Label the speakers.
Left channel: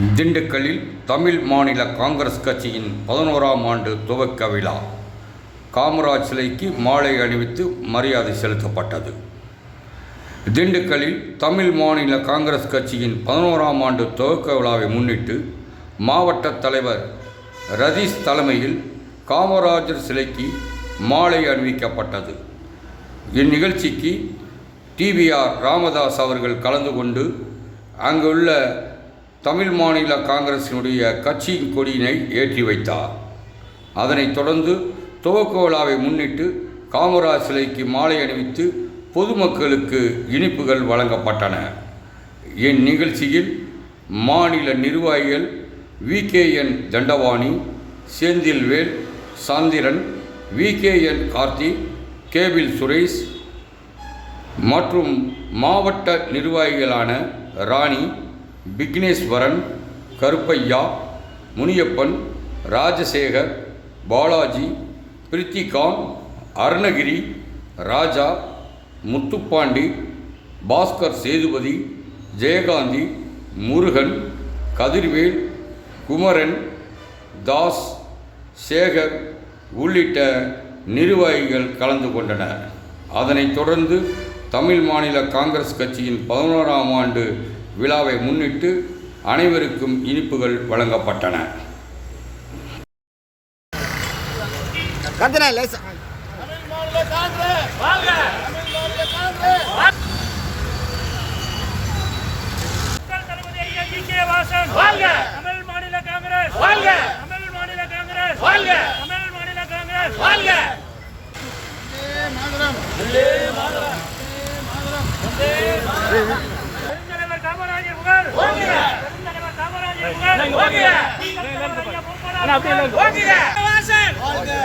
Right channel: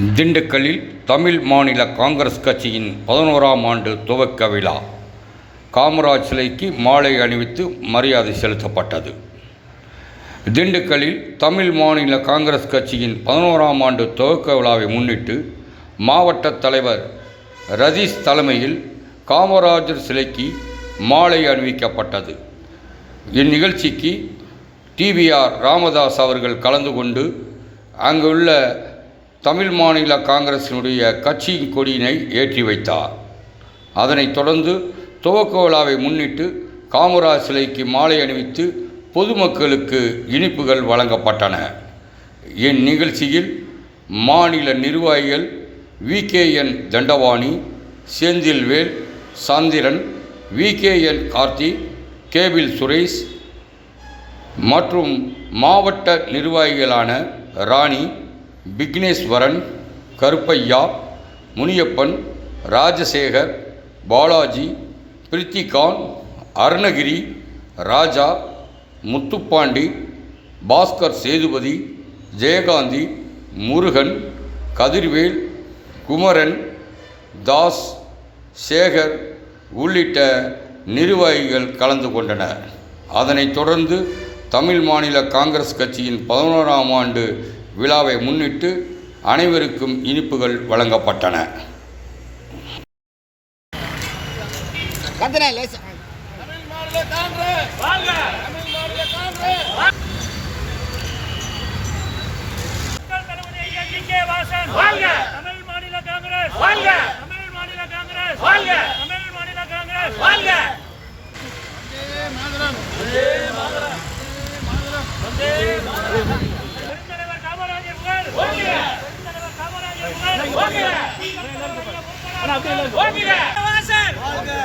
Speaker 1: திண்டுக்கல்லில் தமிழ் மாநில காங்கிரஸ் கட்சியின் பதினோராம் ஆண்டு துவக்க விழா. காமராஜ் சிலைக்கு மாலை அணிவித்து மரியாதை செலுத்தப்பட்டது. திண்டுக்கல்லில் தமிழ் மாநில காங்கிரஸ் கட்சியின் பதினோராம் ஆண்டு துவக்க விழாவை முன்னிட்டு மாவட்ட தலைவர் ரதீஷ் தலைமையில் காமராஜர் சிலைக்கு மாலை அணிவிக்கப்பட்டது. இந்நிகழ்ச்சிக்கு டிவிஆர் ராமதாஸ் அவர்கள் கலந்து கொண்டு அங்குள்ள தமிழ் மாநில காங்கிரசினுடைய கட்சியின் கொடியினை ஏற்றி வைத்தார். அதனைத் தொடர்ந்து துவக்க விழாவை முன்னிட்டு காமராஜ் சிலைக்கு மாலை அணிவித்து பொதுமக்களுக்கு இனிப்புகள் வழங்கப்பட்டன. இந்நிகழ்ச்சியில் மாநில நிர்வாகிகள் VKN Thandavani Senthilvel Chandran VKN Karthik cable Suresh மற்றும் மாவட்ட நிர்வாகிகளான ராணி விக்னேஸ்வரன் கருப்பையா முனியப்பன் ராஜசேகர் பாலாஜி பிரித்திகாந்த் அருணகிரி ராஜா முத்துப்பாண்டி பாஸ்கர் சேதுபதி ஜெயகாந்தி முருகன் கதிர்வேல் குமரன் தாஸ் சேகர் உள்ளிட்ட நிர்வாகிகள் கலந்து கொண்டனர். அதனைத் தொடர்ந்து தமிழ் மாநில காங்கிரஸ் கட்சியின் பதினோராம் ஆண்டு விழாவை முன்னிட்டு அனைவருக்கும் இனிப்புகள் வழங்கப்பட்டன.
Speaker 2: தமிழ் மாநில காங்கிரஸ் தமிழ் மாநில காங்கிரஸ் தமிழ் மாநில காங்கிரஸ் வாழ்க தமிழ் மாநில காங்கிரஸ் வாழ்க தமிழ் மாநில காங்கிரஸ் வாழ்க பெருந்தலைவர் காமராஜர்